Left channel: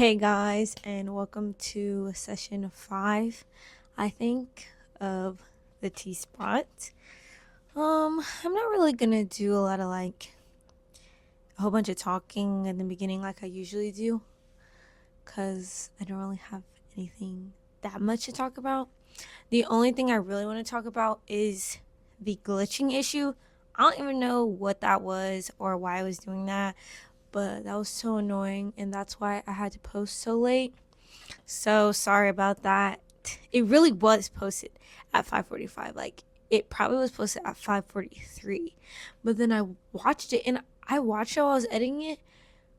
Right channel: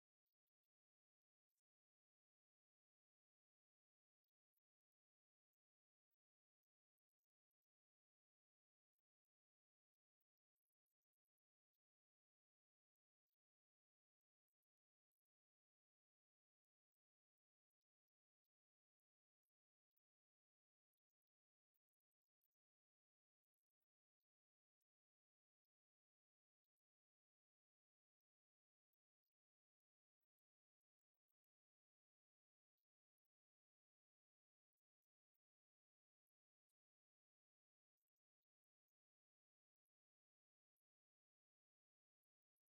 Hey guys, and welcome to session 5, I think, of the T Spot. I'm not really gonna do a lot of a whole bunch of talking in the beginning like I usually do, because I don't really have anything that much to talk about. The only thing I really want to talk about is the glitching issue. I don't even know what that was or why I was doing that, but that was so annoying, and that's why I had to post so late. So sorry about that. It really was posted at 5:45. Like it probably was posted at 5:43. But then I watched it, and I watched it while I was editing it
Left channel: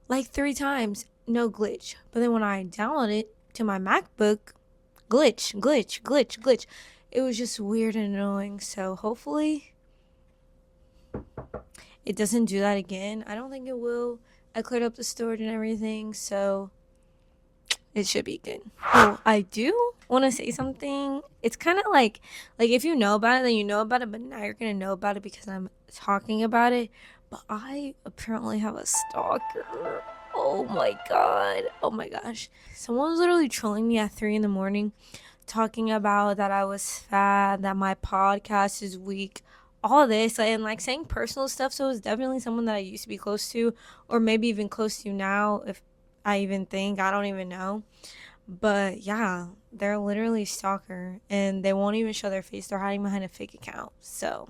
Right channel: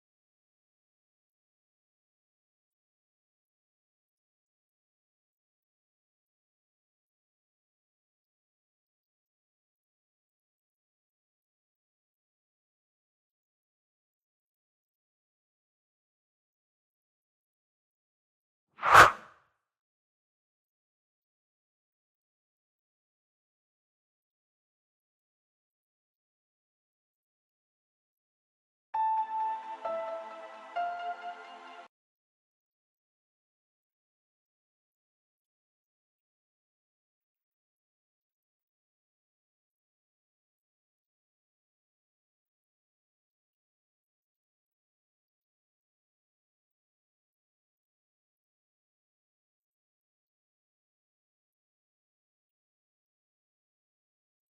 like 3 times. No glitch. But then when I downloaded it to my MacBook, glitch. It was just weird and annoying. So hopefully it doesn't do that again. I don't think it will. I cleared up the storage and everything, so it should be good. Oh, I do want to say something. It's kind of like if you know about it, then you know about it, but now you're gonna know about it because I'm talking about it. But I apparently have a stalker. Oh my god. Oh my gosh. Someone was literally trolling me at 3 in the morning, talking about that I was fat, that my podcast is weak, all this, and like saying personal stuff. So it's definitely someone that I used to be close to, or maybe even close to now, if I even think. I don't even know. But yeah, they're literally a stalker, and they won't even show their face. They're hiding behind a fake account. So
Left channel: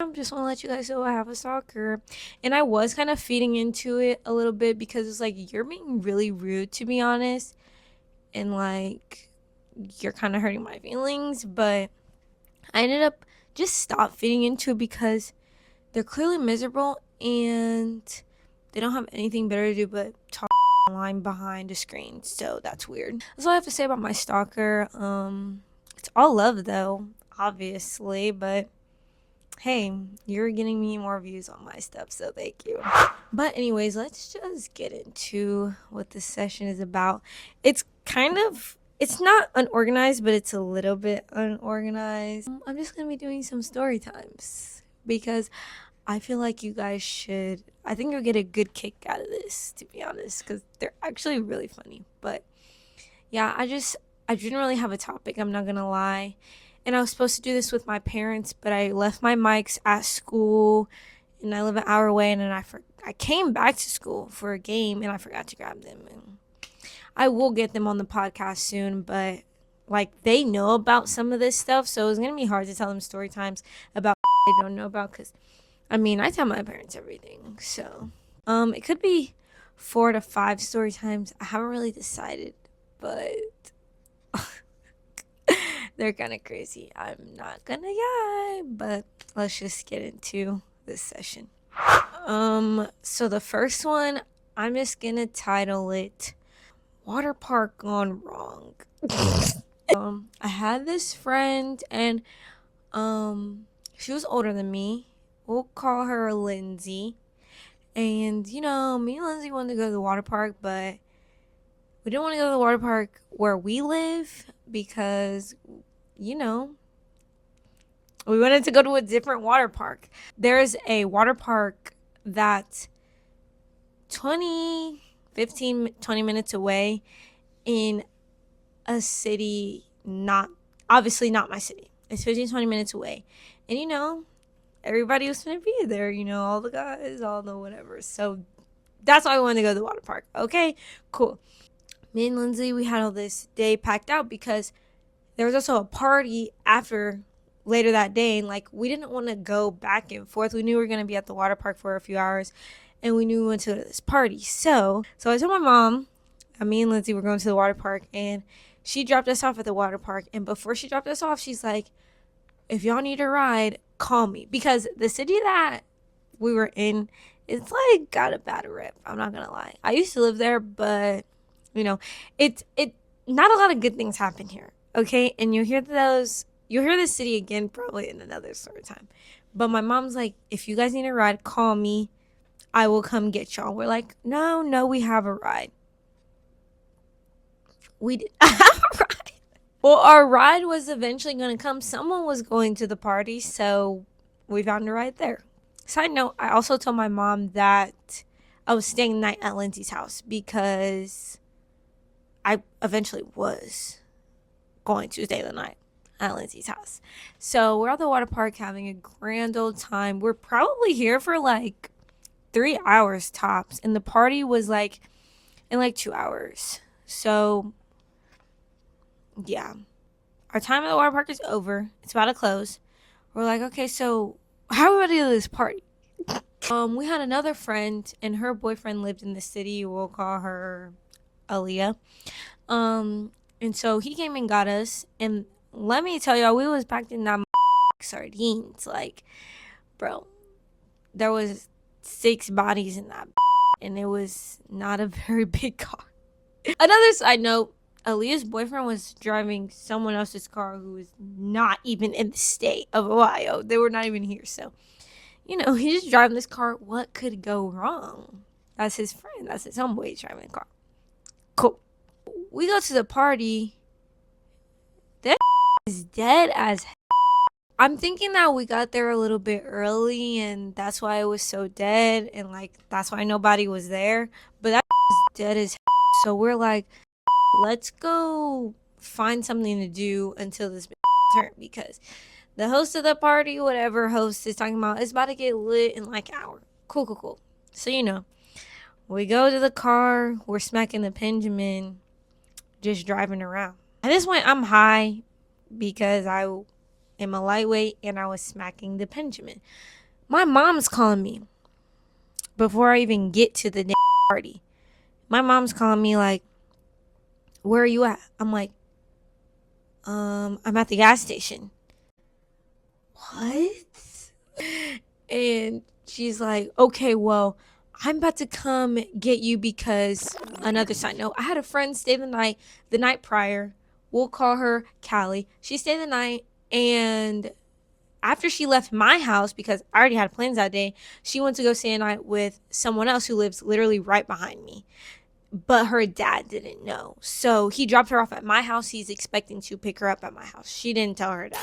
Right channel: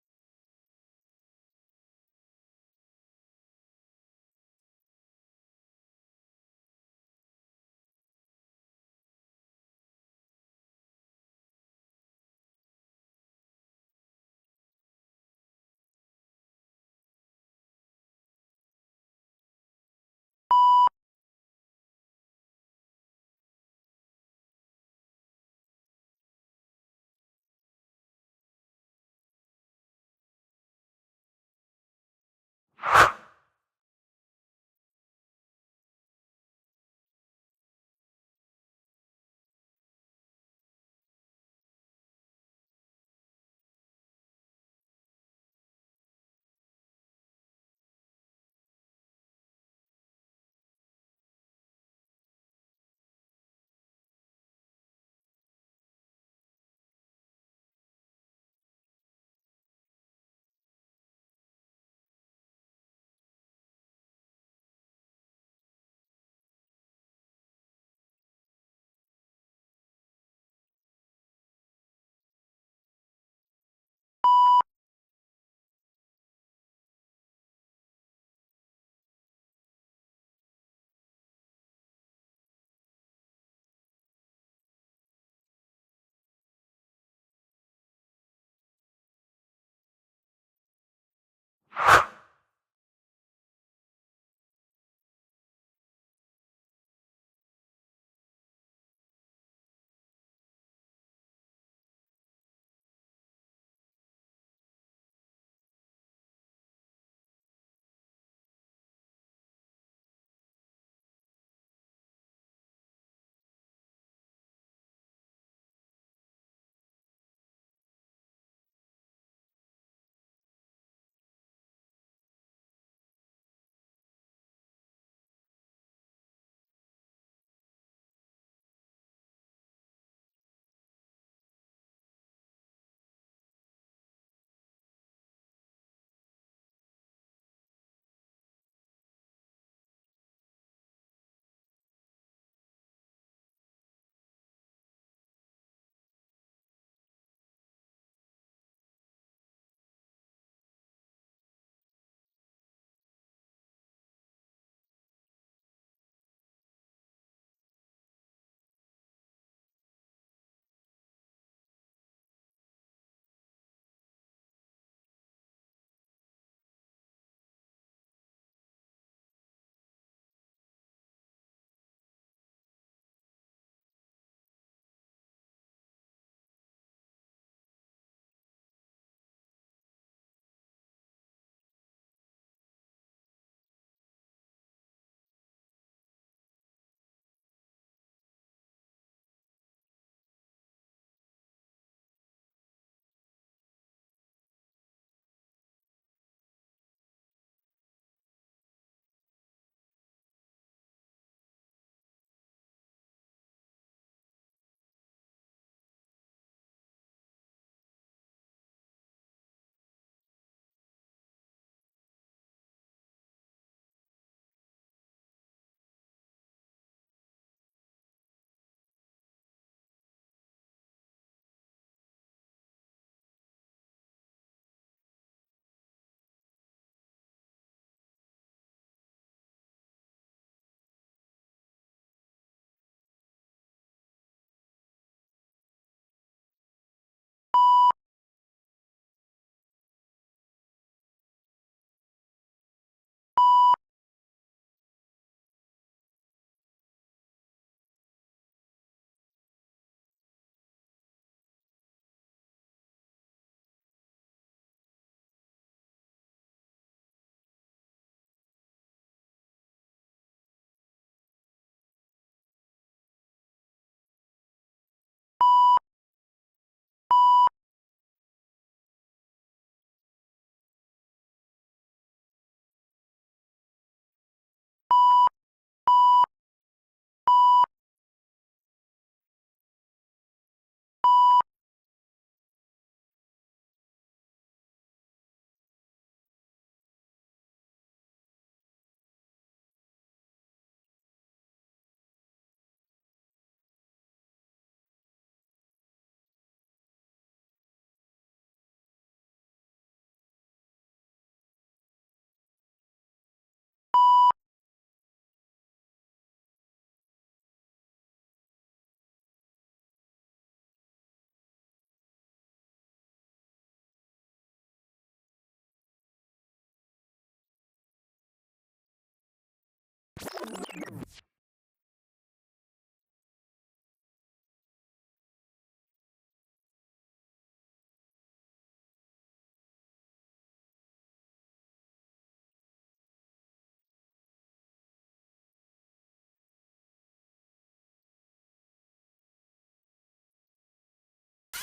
I just want to let you guys know I have a stalker. And I was kind of feeding into it a little bit because it's like, you're being really rude, to be honest. And like, you're kind of hurting my feelings. But I ended up just stop feeding into it because they're clearly miserable and they don't have anything better to do but talk online behind a screen. So that's weird. That's all I have to say about my stalker. It's all love though, obviously, but hey, you're getting me more views on my stuff, so thank you. But anyways, let's just get into what this session is about. It's not unorganized, but it's a little bit unorganized. I'm just gonna be doing some story times because I feel like you guys should. I think you'll get a good kick out of this, to be honest, because they're actually really funny. But yeah, I didn't really have a topic. I'm not gonna lie, and I was supposed to do this with my parents, but I left my mics at school, and I live an hour away, and then I came back to school for a game, and I forgot to grab them. And I will get them on the podcast soon, but like they know about some of this stuff, so it's gonna be hard to tell them story times about they don't know about because I mean, I tell my parents everything, so it could be 4 to 5 story times. I haven't really decided, but they're kind of crazy. I'm not gonna lie, but let's just get into this session. So the first one, I'm just gonna title it "Water Park Gone Wrong." I had this friend, and she was older than me. We'll call her Lindsay. And, me and Lindsay wanted to go to the water park, but we didn't want to go to the water park where we live because, you know, we wanted to go to a different water park. There's a water park that's 20 minutes away in a city, obviously not my city. It's 20 minutes away. And, everybody was gonna be there, all the guys, all the whatever. So that's why I wanted to go to the water park. Okay, cool. Me and Lindsay, we had all this day packed out because there was also a party after later that day, and like we didn't want to go back and forth. We knew we were gonna be at the water park for a few hours, and we knew we went to this party. So I told my mom, me and Lindsay were going to the water park, and she dropped us off at the water park. And before she dropped us off, she's like, if y'all need a ride, call me. Because the city that we were in, it's like got a bad rep. I'm not gonna lie. I used to live there, but it not a lot of good things happen here. Okay, and you'll hear this city again probably in another story time. But my mom's like, if you guys need a ride, call me. I will come get y'all. We're like, no, we have a ride. We did have a ride. Well, our ride was eventually going to come. Someone was going to the party, so we found a ride there. Side note, I also told my mom that I was staying the night at Lindsay's house because I eventually was going to stay the night at Lindsay's house. So we're at the water park having a grand old time. We're probably here for like 3 hours tops, and the party was like in like 2 hours. So yeah, our time at the water park is over. It's about to close. We're like, okay, so how are we gonna do this party? We had another friend, and her boyfriend lived in the city. We'll call her Aaliyah. And so he came and got us, and let me tell y'all, we was packed in that sardines. Like, bro, there was 6 bodies in that, and it was not a very big car. Another side note, Aaliyah's boyfriend was driving someone else's car who was not even in the state of Ohio. They were not even here. So, he's just driving this car. What could go wrong? That's his friend. That's his homeboy driving the car. Cool. We go to the party. That is dead as hell. I'm thinking that we got there a little bit early, and that's why it was so dead, and like that's why nobody was there. But that is dead as hell. So we're like, let's go find something to do until this turn, because the host of the party, whatever host is talking about, is about to get lit in like an hour. Cool. So we go to the car. We're smacking the Benjamin, just driving around. At this point, I'm high because I am a lightweight and I was smacking the Benjamin. My mom's calling me before I even get to the party. My mom's calling me like, where are you at? I'm like, I'm at the gas station. What? And she's like, okay, well, I'm about to come get you because another side note, I had a friend stay the night prior. We'll call her Callie. She stayed the night, and after she left my house, because I already had plans that day, she went to go stay a night with someone else who lives literally right behind me. But her dad didn't know. So he dropped her off at my house. He's expecting to pick her up at my house. She didn't tell her dad.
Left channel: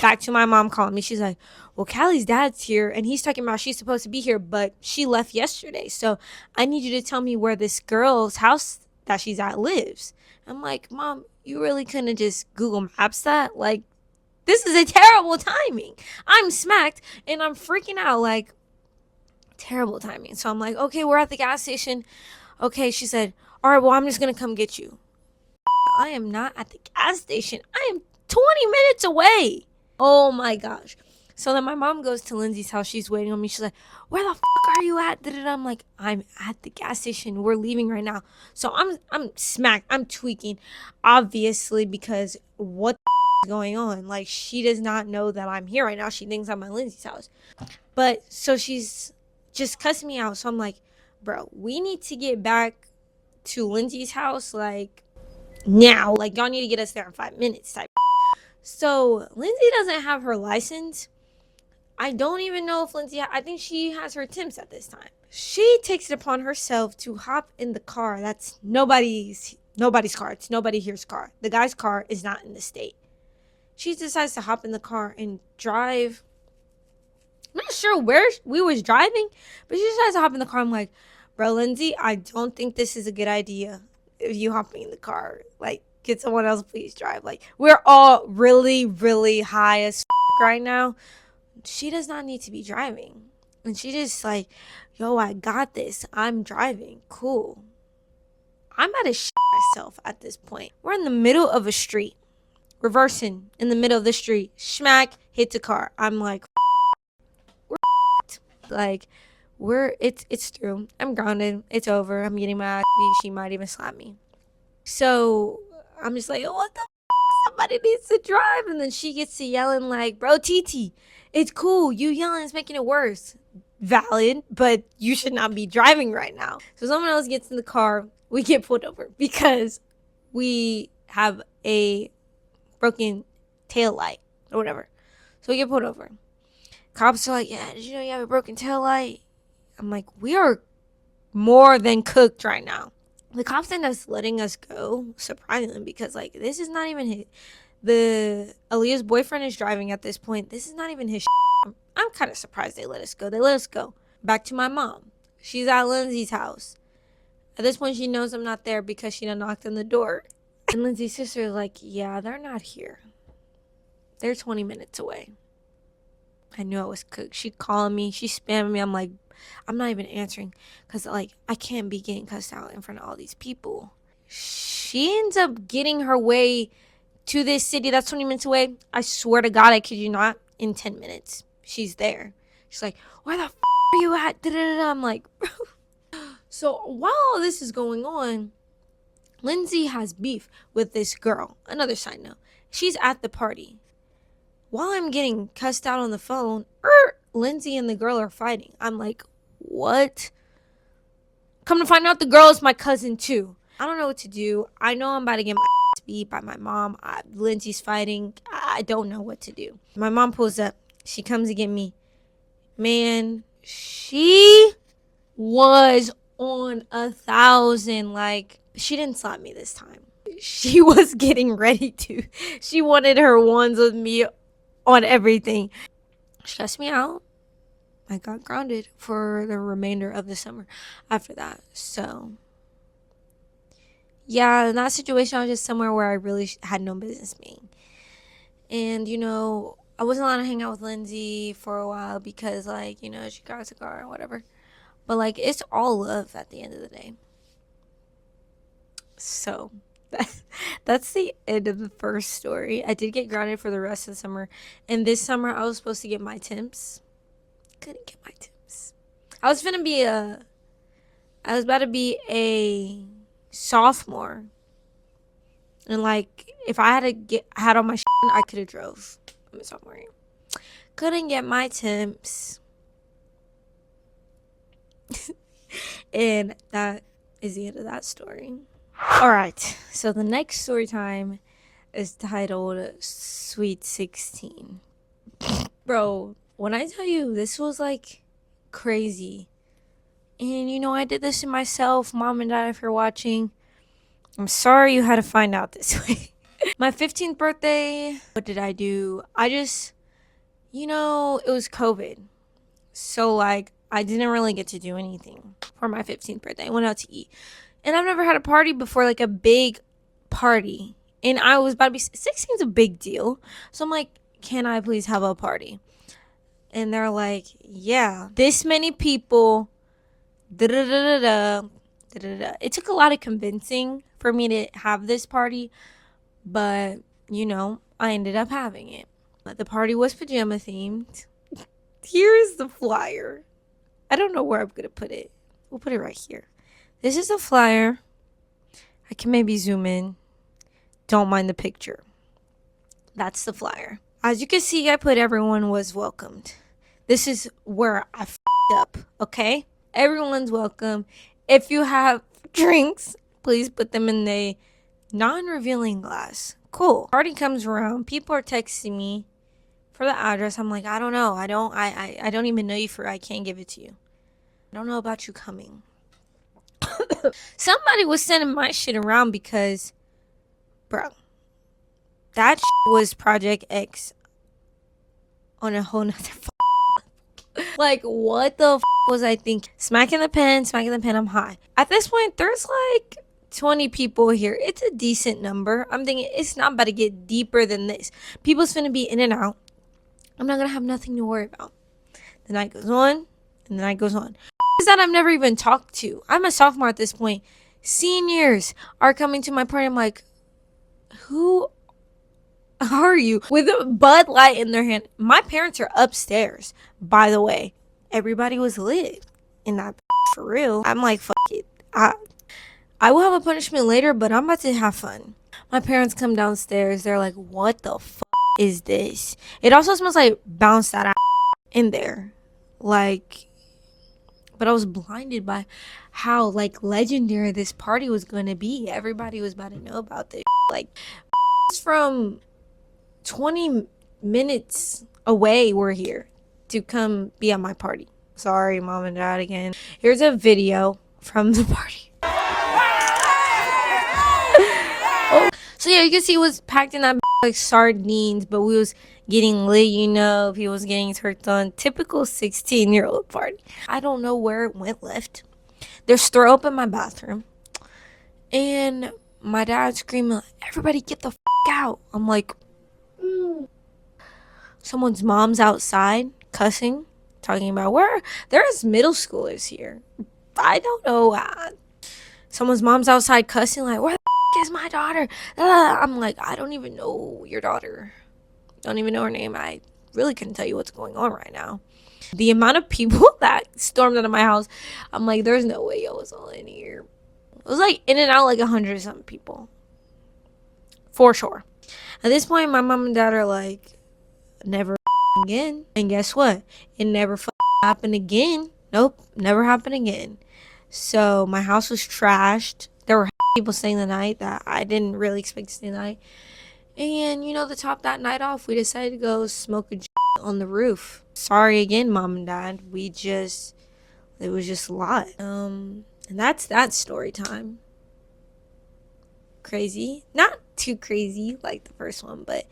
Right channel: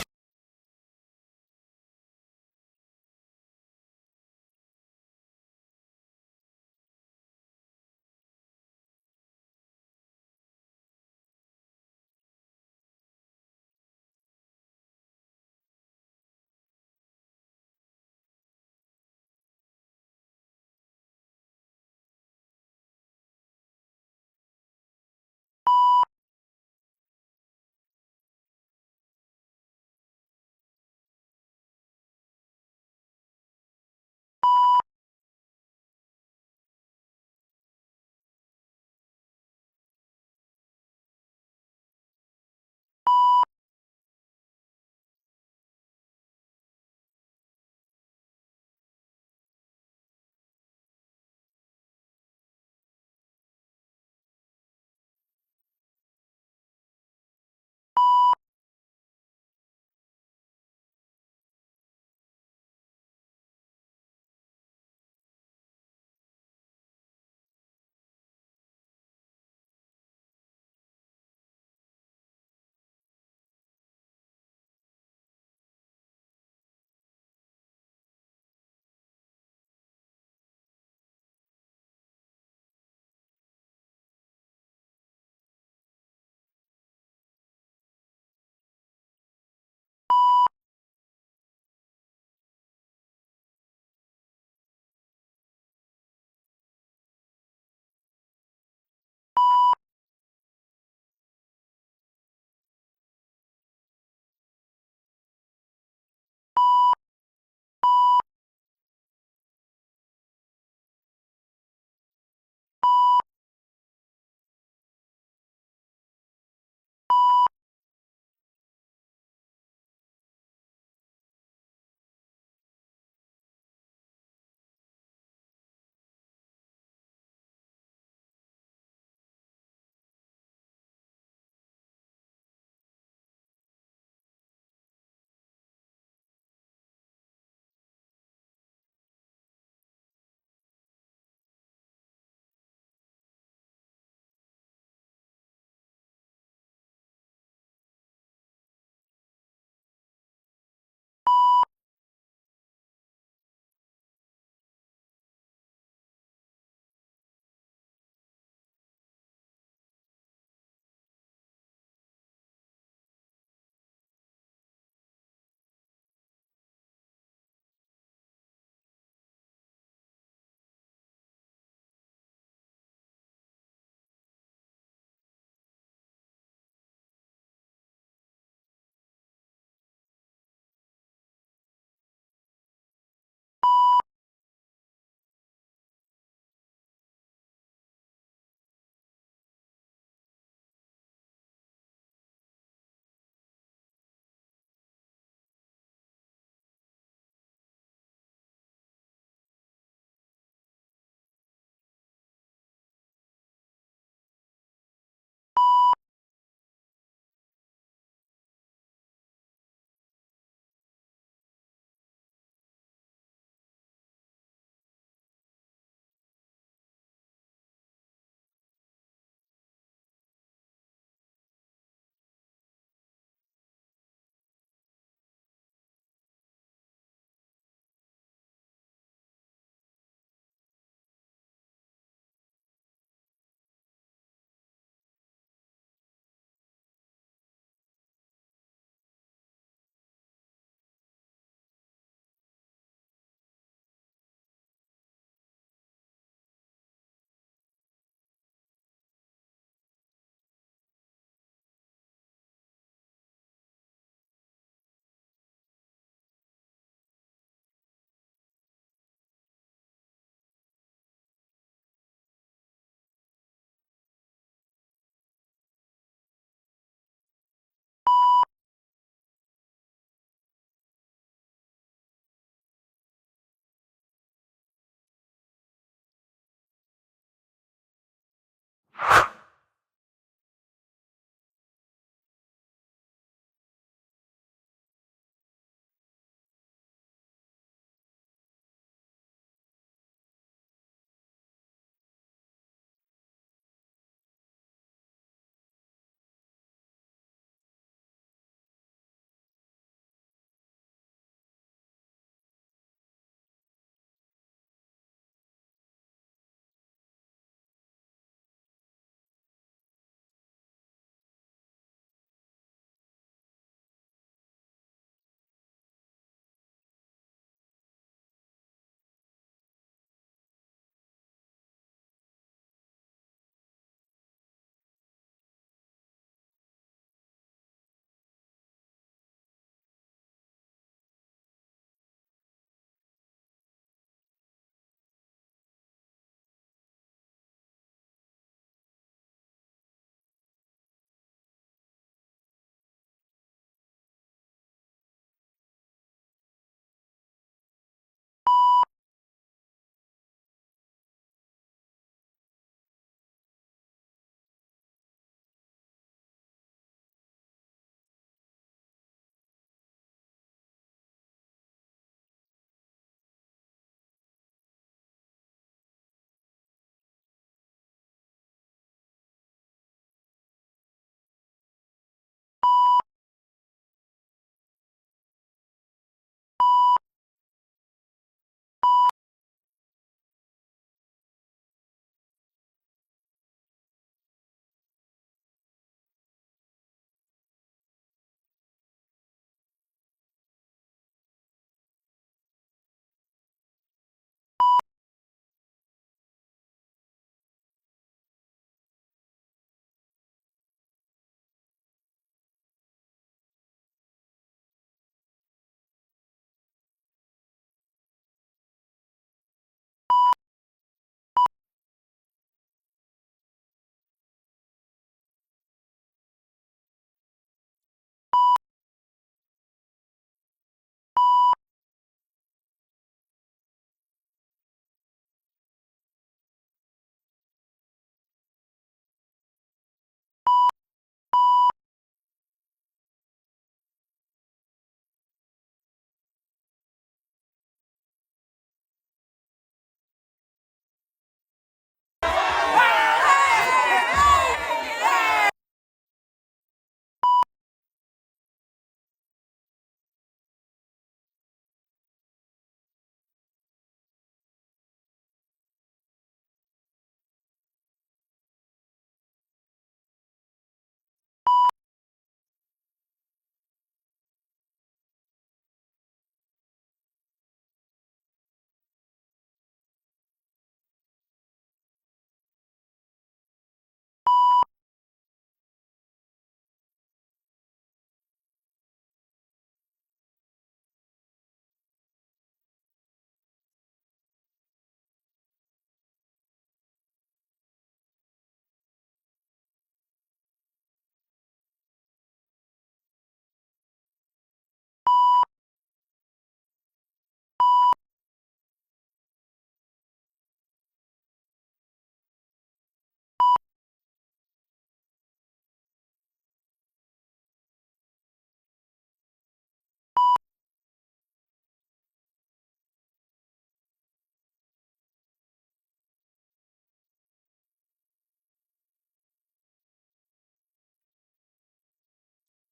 Back to my mom calling me. She's like, well, Callie's dad's here, and he's talking about she's supposed to be here, but she left yesterday. So I need you to tell me where this girl's house that she's at lives. I'm like, Mom, you really couldn't just Google Maps that? Like, this is a terrible timing. I'm smacked, and I'm freaking out. Like, terrible timing. So I'm like, okay, we're at the gas station. Okay, she said, all right, well, I'm just going to come get you. I am not at the gas station. I am 20 minutes away. Oh, my gosh. So then my mom goes to Lindsay's house. She's waiting on me. She's like, where the fuck are you at? I'm like, I'm at the gas station. We're leaving right now. So I'm smacked. I'm tweaking, obviously, because what the is going on? Like, she does not know that I'm here right now. She thinks I'm at Lindsay's house. But so she's just cussing me out. So I'm like, bro, we need to get back to Lindsay's house, like, now. Like, y'all need to get us there in 5 minutes type. So Lindsay doesn't have her license. I don't even know if I think she has her Tim's at this time. She takes it upon herself to hop in the car. That's nobody's car. It's nobody here's car. The guy's car is not in the state. She decides to hop in the car and drive. I'm not sure where we was driving, but she decides to hop in the car. I'm like, bro, Lindsay, I don't think this is a good idea if you hopping in the car. Like, get someone else, please drive. Like, we're all really, really high as right now. She does not need to be driving. And she just like, yo, I got this. I'm driving. Cool. I'm about to myself at this point. We're in the middle of a street. Reversing in the middle of the street. Smack, hit the car. I'm like, we're like, it's through. I'm grounded. It's over. I'm getting my ass beat. She might even slap me. So I'm just like, what the somebody needs to drive. And then she gets to yelling like, bro, TT, it's cool. You yelling is making it worse. Valid, but you should not be driving right now. So someone else gets in the car. We get pulled over because we have a broken tail light or whatever. So we get pulled over. Cops are like, yeah, did you know you have a broken tail light? I'm like, we are more than cooked right now. The cops end up letting us go, surprisingly, because like this is not even his. The Aaliyah's boyfriend is driving at this point. This is not even his. I'm kind of surprised they let us go. They let us go. Back to my mom. She's at Lindsay's house. At this point, she knows I'm not there because she done knocked on the door. And Lindsay's sister is like, yeah, they're not here. They're 20 minutes away. I knew I was cooked. She called me. She spammed me. I'm like, I'm not even answering because, like, I can't be getting cussed out in front of all these people. She ends up getting her way to this city that's 20 minutes away. I swear to God, I kid you not, in 10 minutes. She's there. She's like, where the are you at? Da-da-da-da. I'm like, so while all this is going on, Lindsay has beef with this girl. Another side note. She's at the party. While I'm getting cussed out on the phone, Lindsay and the girl are fighting. I'm like, what? Come to find out, the girl is my cousin too. I don't know what to do. I know I'm about to get my ass beat by my mom. Lindsay's fighting. I don't know what to do. My mom pulls up. She comes to get me. Man, she was on 1,000. Like, she didn't slap me this time. She was getting ready to. She wanted her ones with me on everything. Stressed me out. I got grounded for the remainder of the summer after that. So, yeah, in that situation, I was just somewhere where I really had no business being. And, you know, I wasn't allowed to hang out with Lindsay for a while because, like, you know, she got a car or whatever. But, like, it's all love at the end of the day. So, that's the end of the first story. I did get grounded for the rest of the summer. And this summer, I was supposed to get my temps. Couldn't get my temps. I was about to be a sophomore. And, like, if I had all my shit, I could have drove. I'm a sophomore. Couldn't get my temps. And that is the end of that story. Alright, so the next story time is titled Sweet 16. Bro, when I tell you this was like crazy. And you know, I did this to myself. Mom and Dad, if you're watching, I'm sorry you had to find out this way. My 15th birthday, what did I do? You know, it was COVID. So, like, I didn't really get to do anything for my 15th birthday. I went out to eat. And I've never had a party before, like a big party. And I was about to be 16 is a big deal. So I'm like, can I please have a party? And they're like, yeah, this many people. Da-da-da-da-da. Da-da-da. It took a lot of convincing for me to have this party. But, you know, I ended up having it. The party was pajama themed. Here's the flyer. I don't know where I'm going to put it. We'll put it right here. This is a flyer. I can maybe zoom in. Don't mind the picture. That's the flyer. As you can see, I put everyone was welcomed. This is where I f***ed up, okay? Everyone's welcome. If you have drinks, please put them in the non-revealing glass. Cool. Party comes around. People are texting me for the address. I'm like, I don't know. I don't even know you I can't give it to you. I don't know about you coming. Somebody was sending my shit around because, bro, that was Project X on a whole nother like, what the was I thinking? Smacking the pen, I'm high. At this point, there's like 20 people here. It's a decent number. I'm thinking it's not about to get deeper than this. People's finna be in and out. I'm not gonna have nothing to worry about. The night goes on, and the night goes on. Is that I've never even talked to. I'm a sophomore at this point. Seniors are coming to my party. I'm like, who are you? With a Bud Light in their hand. My parents are upstairs, by the way. Everybody was lit in that for real. I'm like, fuck it. I will have a punishment later, but I'm about to have fun. My parents come downstairs. They're like, what the fuck is this? It also smells like bounced that ass in there. Like, but I was blinded by how, like, legendary this party was going to be. Everybody was about to know about this. Like, from 20 minutes away were here to come be at my party. Sorry, Mom and Dad again. Here's a video from the party. So, yeah, you can see it was packed in that like sardines, but we was getting lit, you know, people was getting turned on. Typical 16-year-old party. I don't know where it went left. There's throw up in my bathroom. And my dad's screaming, everybody get the out. I'm like, someone's mom's outside cussing, talking about where there's middle schoolers here. I don't know. Someone's mom's outside cussing, like, where the is my daughter? I'm like, I don't even know your daughter. Don't even know her name. I really couldn't tell you what's going on right now. The amount of people that stormed out of my house, I'm like, there's no way y'all was all in here. It was like in and out like 100 something people. For sure. At this point, my mom and dad are like, never again. And guess what? It never happened again. Nope, never happened again. So my house was trashed. There were people staying the night that I didn't really expect to stay the night. And to top that night off, we decided to go smoke a on the roof. Sorry again, mom and dad. It was just a lot. And that's that story time. Crazy. Not too crazy like the first one, but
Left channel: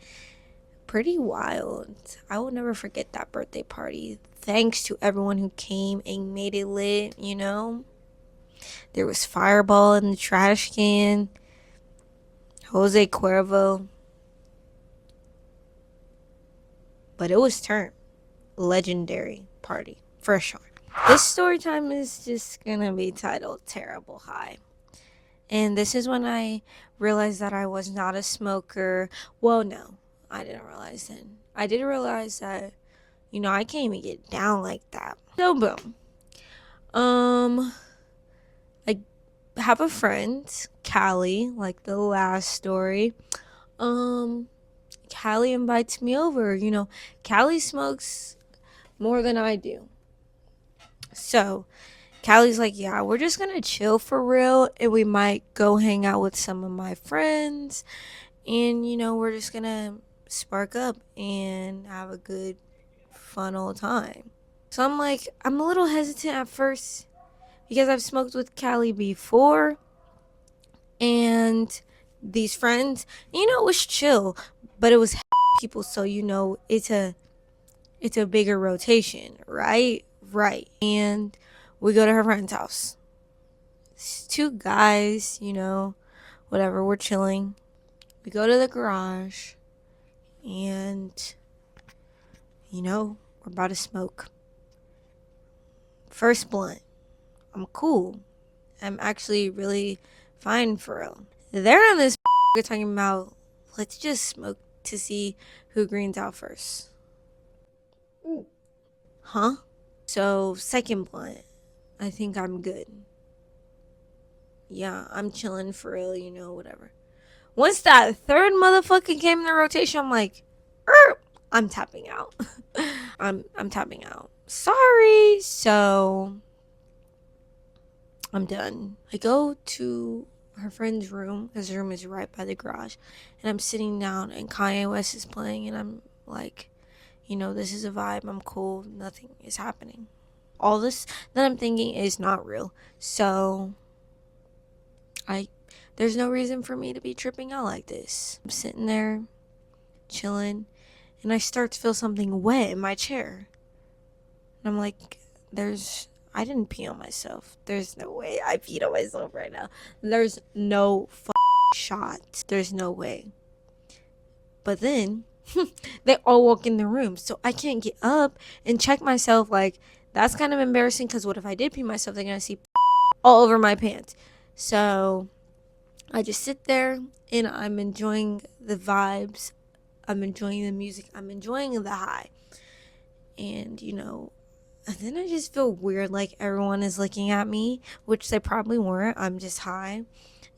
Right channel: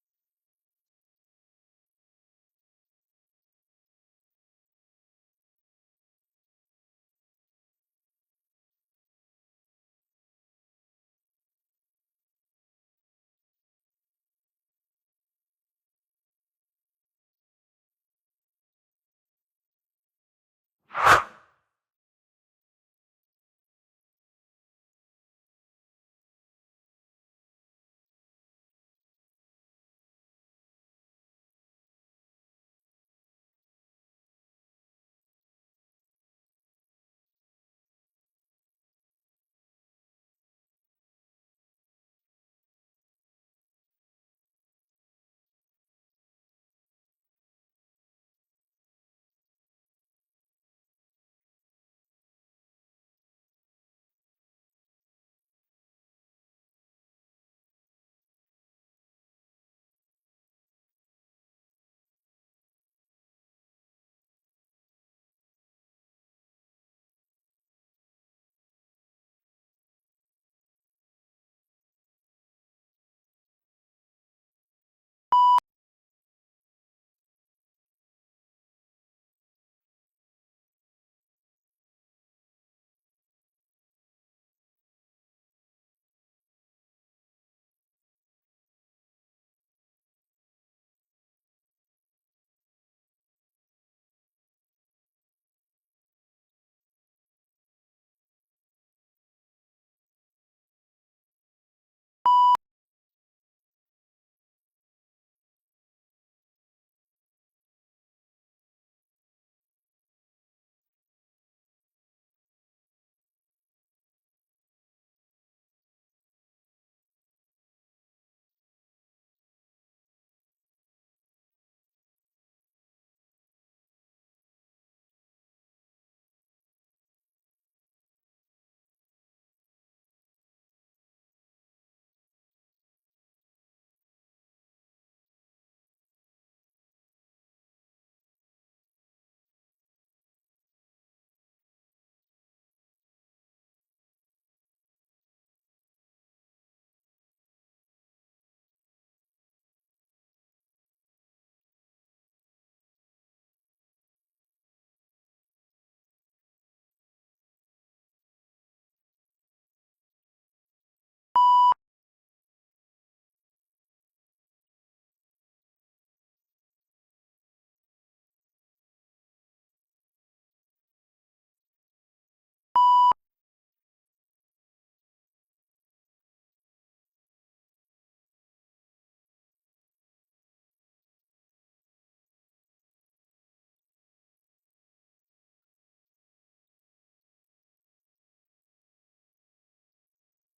pretty wild. I will never forget that birthday party. Thanks to everyone who came and made it lit, There was Fireball in the trash can. Jose Cuervo. But it was turned legendary party, for sure. This story time is just gonna be titled Terrible High. And this is when I realized that I was not a smoker. Well, no, I didn't realize then. I did realize that, I can't even get down like that. So, boom. I have a friend, Callie, like the last story. Callie invites me over. Callie smokes more than I do. So, Callie's like, yeah, we're just gonna chill for real, and we might go hang out with some of my friends, and we're just gonna spark up and have a good, fun old time. So I'm like, I'm a little hesitant at first because I've smoked with Callie before, and these friends, it was chill, but it was people, so it's a bigger rotation, right? Right. And we go to her friend's house. It's two guys, whatever, we're chilling. We go to the garage and, we're about to smoke. First blunt. I'm cool. I'm actually really fine for real. They're on this talking about, let's just smoke to see who greens out first. Huh? So, second blunt. I think I'm good. Yeah, I'm chilling for real, whatever. Once that third motherfucker came in the rotation, I'm like, I'm tapping out. I'm tapping out. Sorry. So I'm done. I go to her friend's room because her room is right by the garage, and I'm sitting down and Kanye West is playing, and I'm like, this is a vibe. I'm cool. Nothing is happening. All this that I'm thinking is not real. So there's no reason for me to be tripping out like this. I'm sitting there chilling, and I start to feel something wet in my chair. And I'm like, I didn't pee on myself. There's no way I peed on myself right now. There's no shot. There's no way. But then they all walk in the room, so I can't get up and check myself. Like, that's kind of embarrassing because what if I did pee myself? They're gonna see all over my pants. So I just sit there and I'm enjoying the vibes. I'm enjoying the music. I'm enjoying the high. And, and then I just feel weird, like everyone is looking at me, which they probably weren't. I'm just high.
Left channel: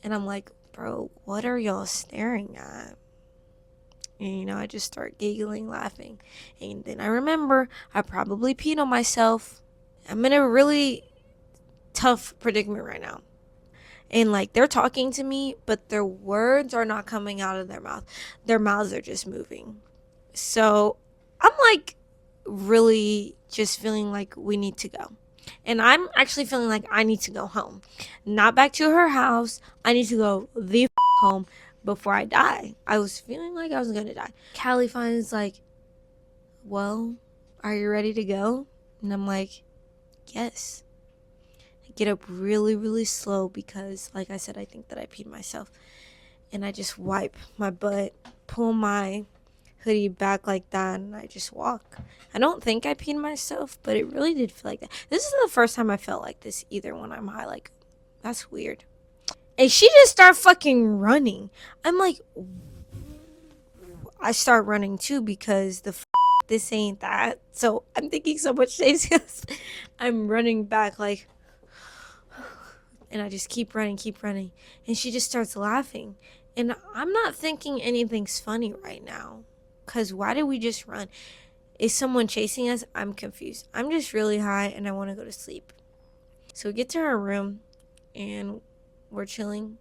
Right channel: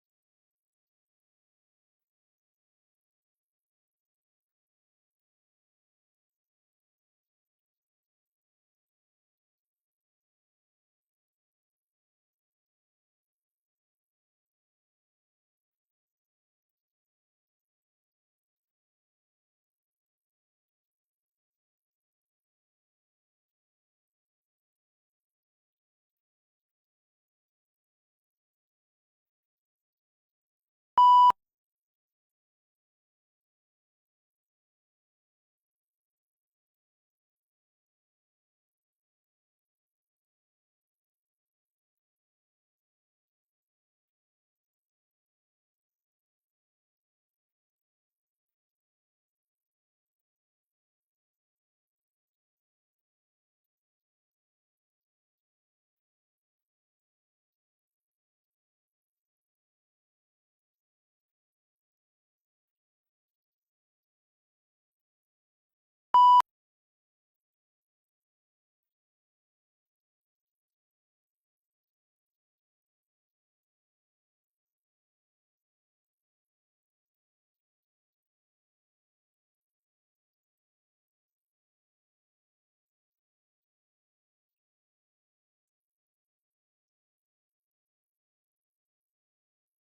And I'm like, bro, what are y'all staring at? And, I just start giggling, laughing. And then I remember I probably peed on myself. I'm in a really tough predicament right now. And like they're talking to me, but their words are not coming out of their mouth. Their mouths are just moving. So I'm like really just feeling like we need to go. And I'm actually feeling like I need to go home. Not back to her house. I need to go the home before I die. I was feeling like I was going to die. Callie finds like, well, are you ready to go? And I'm like, yes. get up really, really slow because, like I said, I think that I peed myself. And I just wipe my butt, pull my hoodie back like that, and I just walk. I don't think I peed myself, but it really did feel like that. This is the first time I felt like this either when I'm high. Like, that's weird. And she just started fucking running. I'm like, I start running too because this ain't that. So I'm thinking so much things. I'm running back like, and I just keep running. And she just starts laughing. And I'm not thinking anything's funny right now. Because why did we just run? Is someone chasing us? I'm confused. I'm just really high and I want to go to sleep. So we get to her room and we're chilling.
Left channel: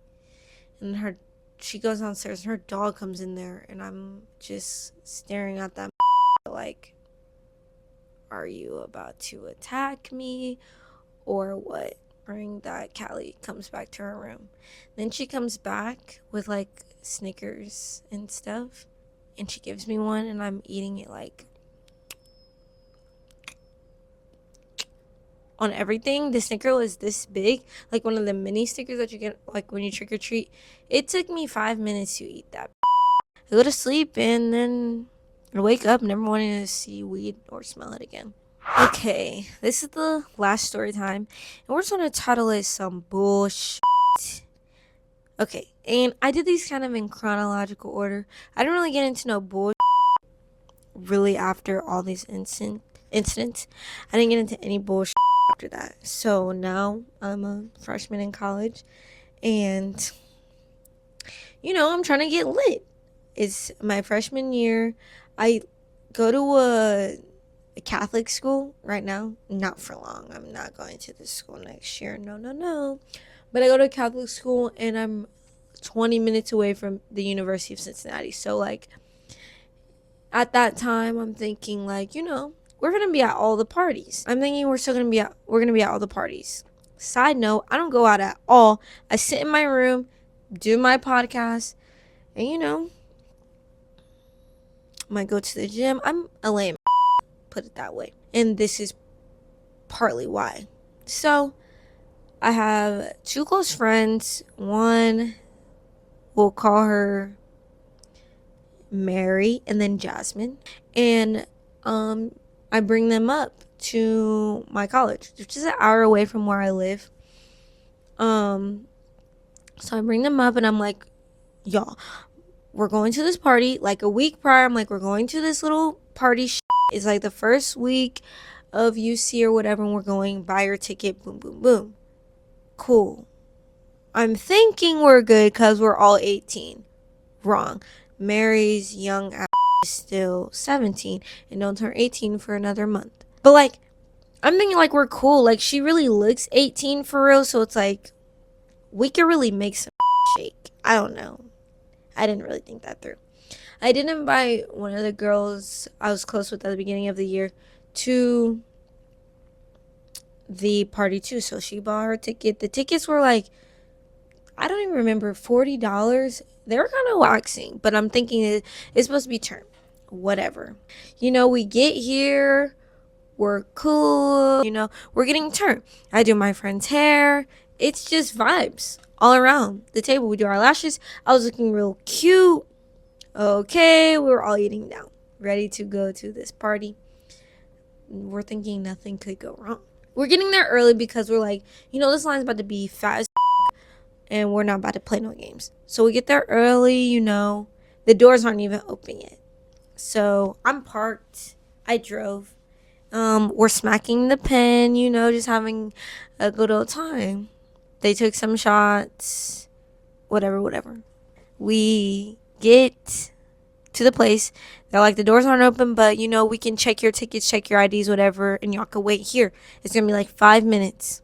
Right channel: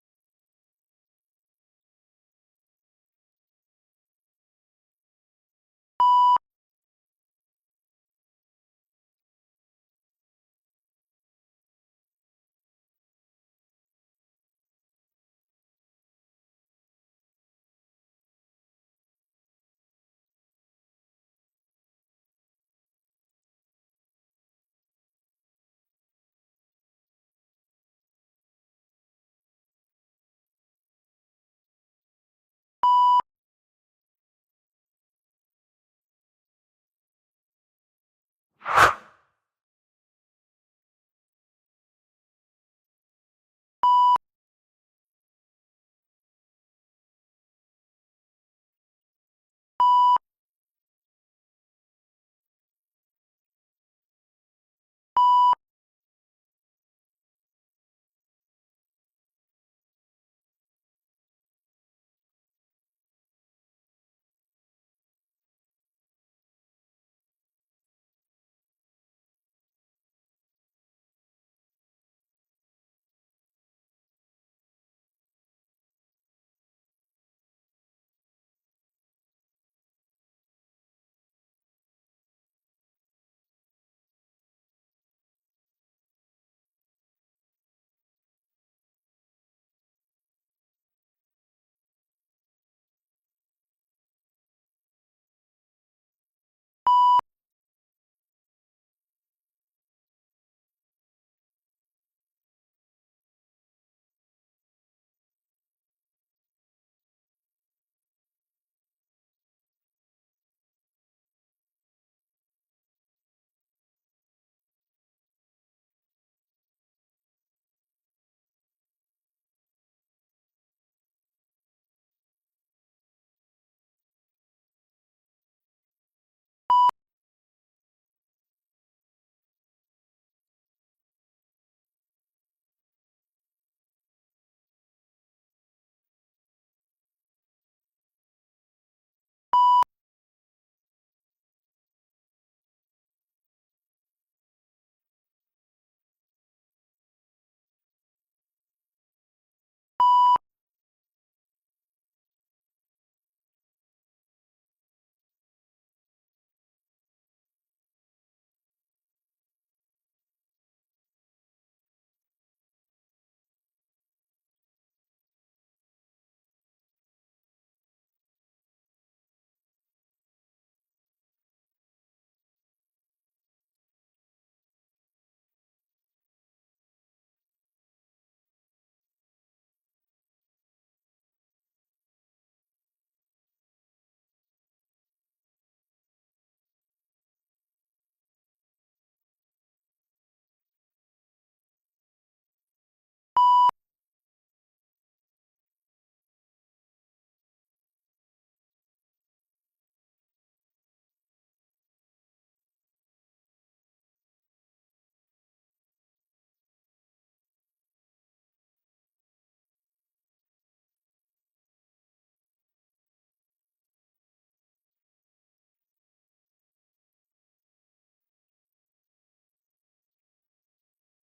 And she goes downstairs and her dog comes in there. And I'm just staring at that like, are you about to attack me or what? During that, Callie comes back to her room. Then she comes back with like Snickers and stuff. And she gives me one and I'm eating it like on everything. The Snicker was this big, like one of the mini Snickers that you get like when you trick or treat. It took me 5 minutes to eat that. I go to sleep and then I wake up never wanting to see weed or smell it again. Okay, this is the last story time, and we're just gonna title it some bullshit. Okay, and I did these kind of in chronological order. I didn't really get into no bullshit really after all these incidents. I didn't get into any bullshit after that. So now I'm a freshman in college, and I'm trying to get lit. It's my freshman year. I go to a Catholic school right now. Not for long. I'm not going to this school next year. No. But I go to a Catholic school and I'm 20 minutes away from the University of Cincinnati. So like at that time I'm thinking like, we're going to be at all the parties. I'm thinking we're going to be at all the parties. Side note, I don't go out at all. I sit in my room, do my podcast, and might go to the gym. I'm a lame, put it that way. And this is partly why. So I have two close friends. One, we'll call her Mary, and then Jasmine. And I bring them up to my college, which is an hour away from where I live. So I bring them up and I'm like, y'all, we're going to this party. Like a week prior, I'm like, we're going to this little party. It's like the first week of UC or whatever, and we're going. Buy your ticket. Boom, boom, boom. Cool. I'm thinking we're good because we're all 18. Wrong. Mary's young ass is still 17 and don't turn 18 for another month. But like, I'm thinking like we're cool. Like she really looks 18 for real, so it's like we could really make some shake. I don't know. I didn't really think that through. I did invite one of the girls I was close with at the beginning of the year to the party too. So she bought her ticket. The tickets were like, I don't even remember, $40. They were kind of waxing, but I'm thinking it's supposed to be term. Whatever. We get here. We're cool. We're getting turned. I do my friend's hair. It's just vibes all around the table. We do our lashes. I was looking real cute. Okay, we were all eating now, ready to go to this party. We're thinking nothing could go wrong. We're getting there early because we're like, this line's about to be fat as and we're not about to play no games. So we get there early, the doors aren't even open yet. So I'm parked. I drove. We're smacking the pen, just having a good old time. They took some shots, whatever. We get to the place. They're like, the doors aren't open, but we can check your tickets, check your IDs, whatever, and y'all can wait here. It's gonna be like 5 minutes.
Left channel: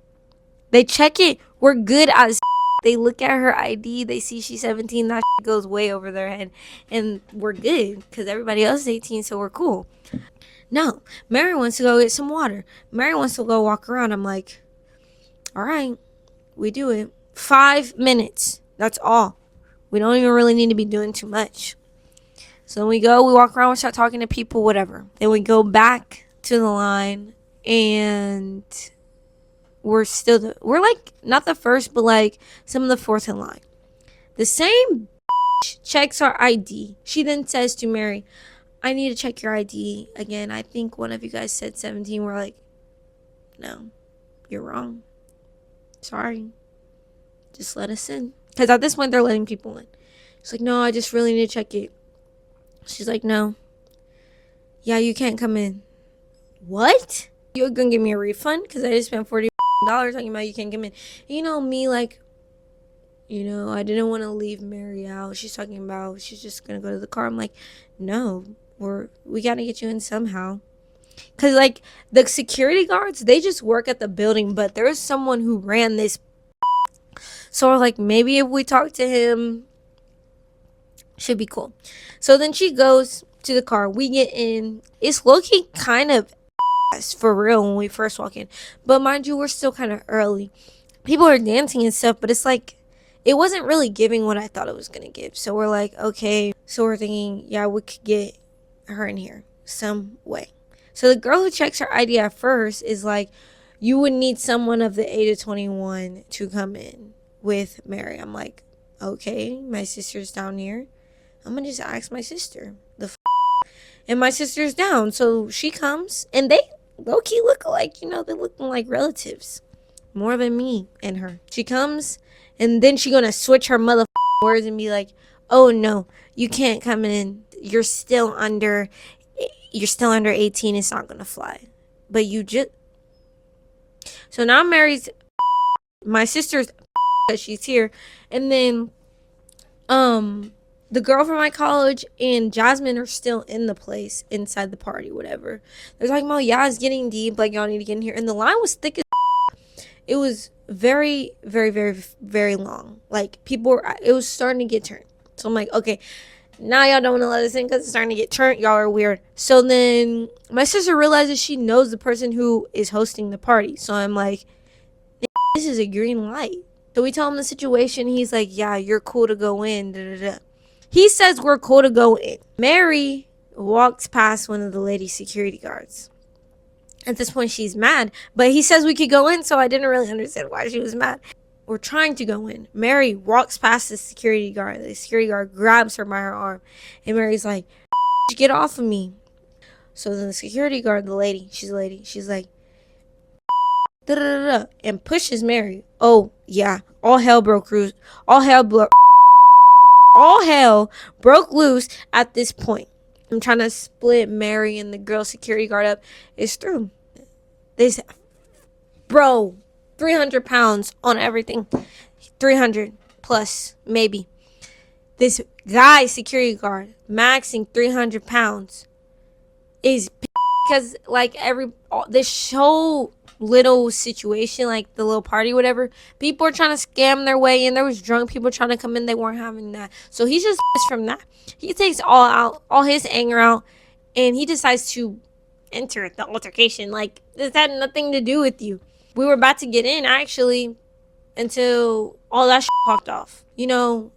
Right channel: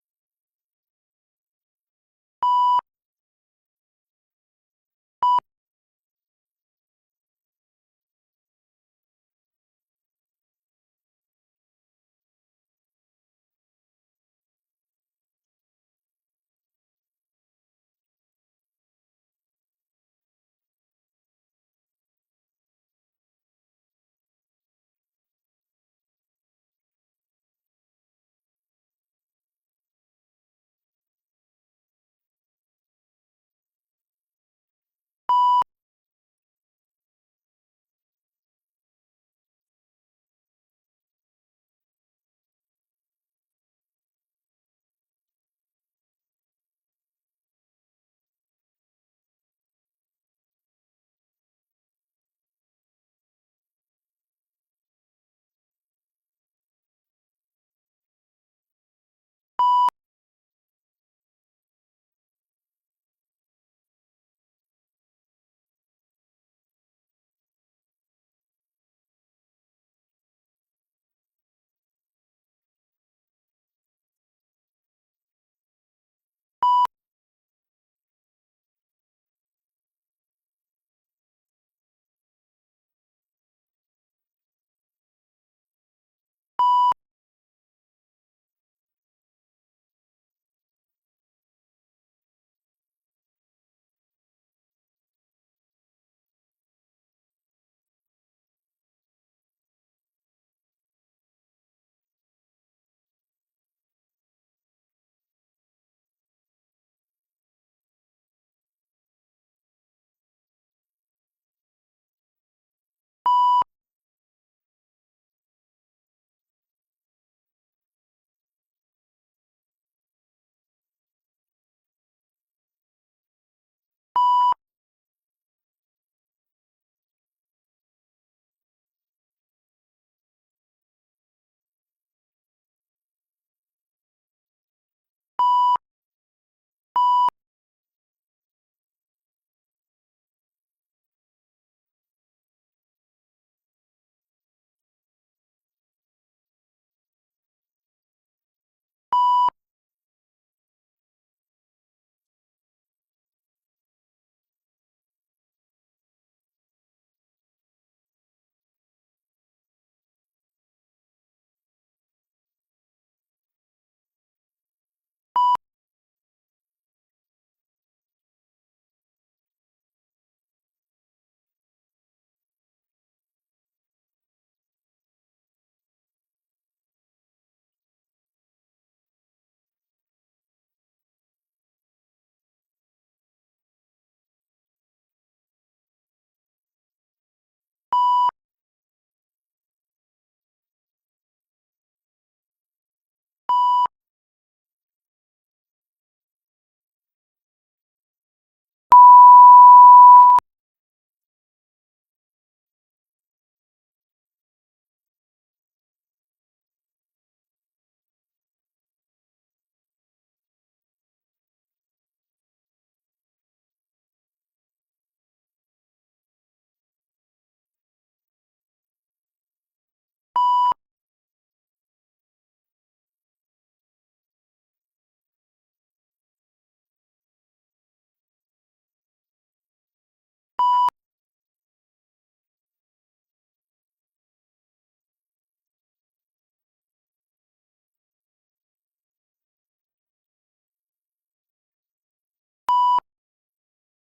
They check it. We're good as they look at her ID. They see she's 17. That goes way over their head, and we're good because everybody else is 18, so we're cool. No, Mary wants to go get some water. Mary wants to go walk around. I'm like, all right, we do it. 5 minutes. That's all. We don't even really need to be doing too much. So we walk around, we start talking to people, whatever. Then we go back to the line, and we're still we're like not the first, but like some of the fourth in line. The same checks our ID. She then says to Mary, I need to check your ID again. I think one of you guys said 17. We're like, no, you're wrong. Sorry. Just let us in. Because at this point, they're letting people in. She's like, no, I just really need to check it. She's like, no. Yeah, you can't come in. What? You're going to give me a refund? Because I just spent $40 talking about you can't come in. You know, me, like, I didn't want to leave Mary out. She's talking about she's just going to go to the car. I'm like, no, we got to get you in somehow. Because, like, the security guards, they just work at the building, but there's someone who ran this. So we're like, maybe if we talk to him, should be cool. So then she goes to the car. We get in. It's low-key kind of for real when we first walk in. But mind you, we're still kind of early. People are dancing and stuff, but it's like, it wasn't really giving what I thought it was going to give. So we're like, okay. So we're thinking, yeah, we could get her in here some way. So the girl who checks her ID at first is like, you would need someone of the age of 21 to come in with Mary. I'm like, okay, my sister's down here. I'm going to just ask my sister. And my sister's down. So she comes, and they low-key look alike. They're looking like relatives. More than me and her. She comes, and then she going to switch her words and be like, oh, no, you can't come in. You're still under 18. It's not going to fly. But you just... So now Mary's... My sister's... that she's here. And then... the girl from my college and Jasmine are still in the place, inside the party, whatever. They're talking about, yeah, it's getting deep, like, y'all need to get in here. And the line was thick as it was very, very, very, very long. Like, it was starting to get turned. So I'm like, okay, now y'all don't want to let us in because it's starting to get turned. Y'all are weird. So then my sister realizes she knows the person who is hosting the party. So I'm like, this is a green light. So we tell him the situation. He's like, yeah, you're cool to go in. Da, da, da. He says we're cool to go in. Mary walks past one of the lady security guards. At this point, she's mad. But he says we could go in, so I didn't really understand why she was mad. We're trying to go in. Mary walks past the security guard. The security guard grabs her by her arm. And Mary's like, get off of me. So then the security guard, she's like, da, da, da, da, and pushes Mary. Oh, yeah. All hell broke loose at this point. I'm trying to split Mary and the girl security guard up. It's through. This, bro, 300 pounds on everything. 300 plus, maybe. This guy security guard, maxing 300 pounds, is because, like, this whole little situation, like the little party, whatever, people are trying to scam their way in. There was drunk people trying to come in. They weren't having that. So he's just from that. He takes all his anger out, and he decides to enter the altercation. Like, this had nothing to do with you. We were about to get in, actually, until all that popped off.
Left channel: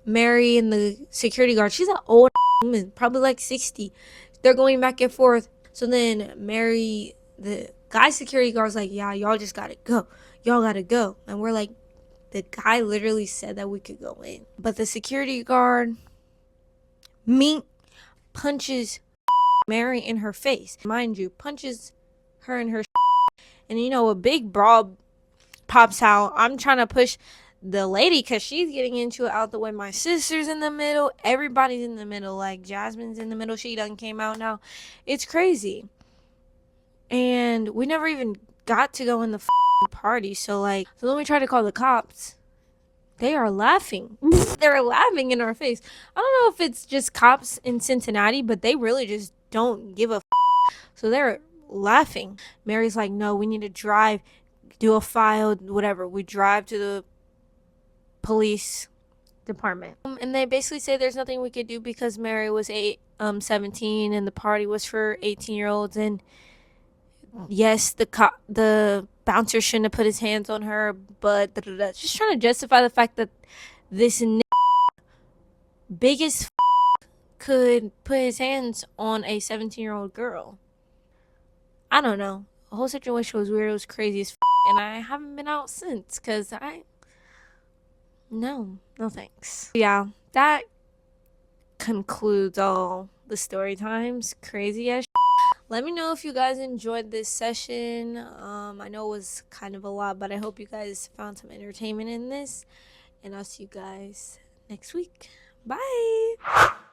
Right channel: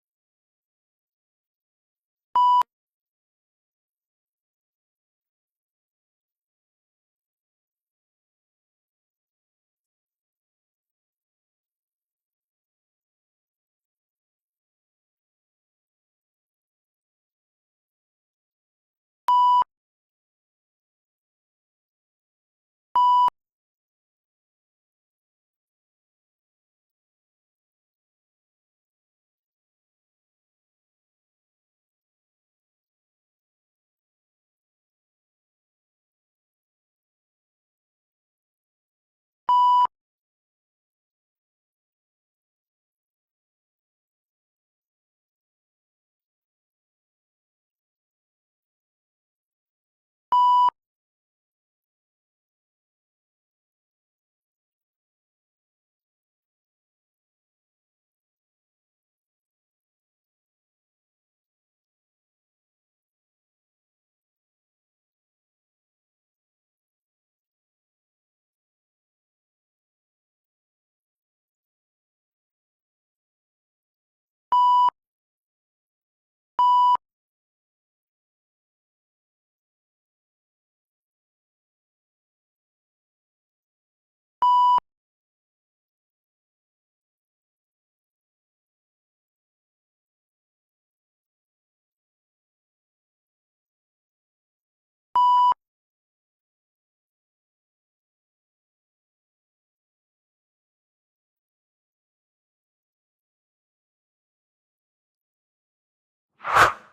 Mary and the security guard, she's an old woman, probably like 60. They're going back and forth. So then Mary, the guy security guard's like, yeah, y'all just gotta go. Y'all gotta go. And we're like, the guy literally said that we could go in. But the security guard, punches Mary in her face. Mind you, punches her in her and a big brawl pops out. I'm trying to push the lady because she's getting into it out the way. My sister's in the middle. Everybody's in the middle. Like, Jasmine's in the middle. She done came out now. It's crazy. And we never even got to go in the party. So then we try to call the cops. They are laughing. They're laughing in our face. I don't know if it's just cops in Cincinnati, but they really just don't give a So they're laughing. Mary's like, no, we need to drive, do a file, whatever. We drive to the police department. And they basically say there's nothing we could do because Mary was 17 and the party was for 18-year-olds. And yes, the bouncer shouldn't have put his hands on her, but just trying to justify the fact that this biggest could put his hands on a 17-year-old girl. I don't know. The whole situation was weird. It was crazy as and I haven't been out since because no thanks. Yeah, that concludes all the story times. Crazy as let me know if you guys enjoyed this session. I know it was kind of a lot, but I hope you guys found some entertainment in this, and I'll see you guys next week. Bye.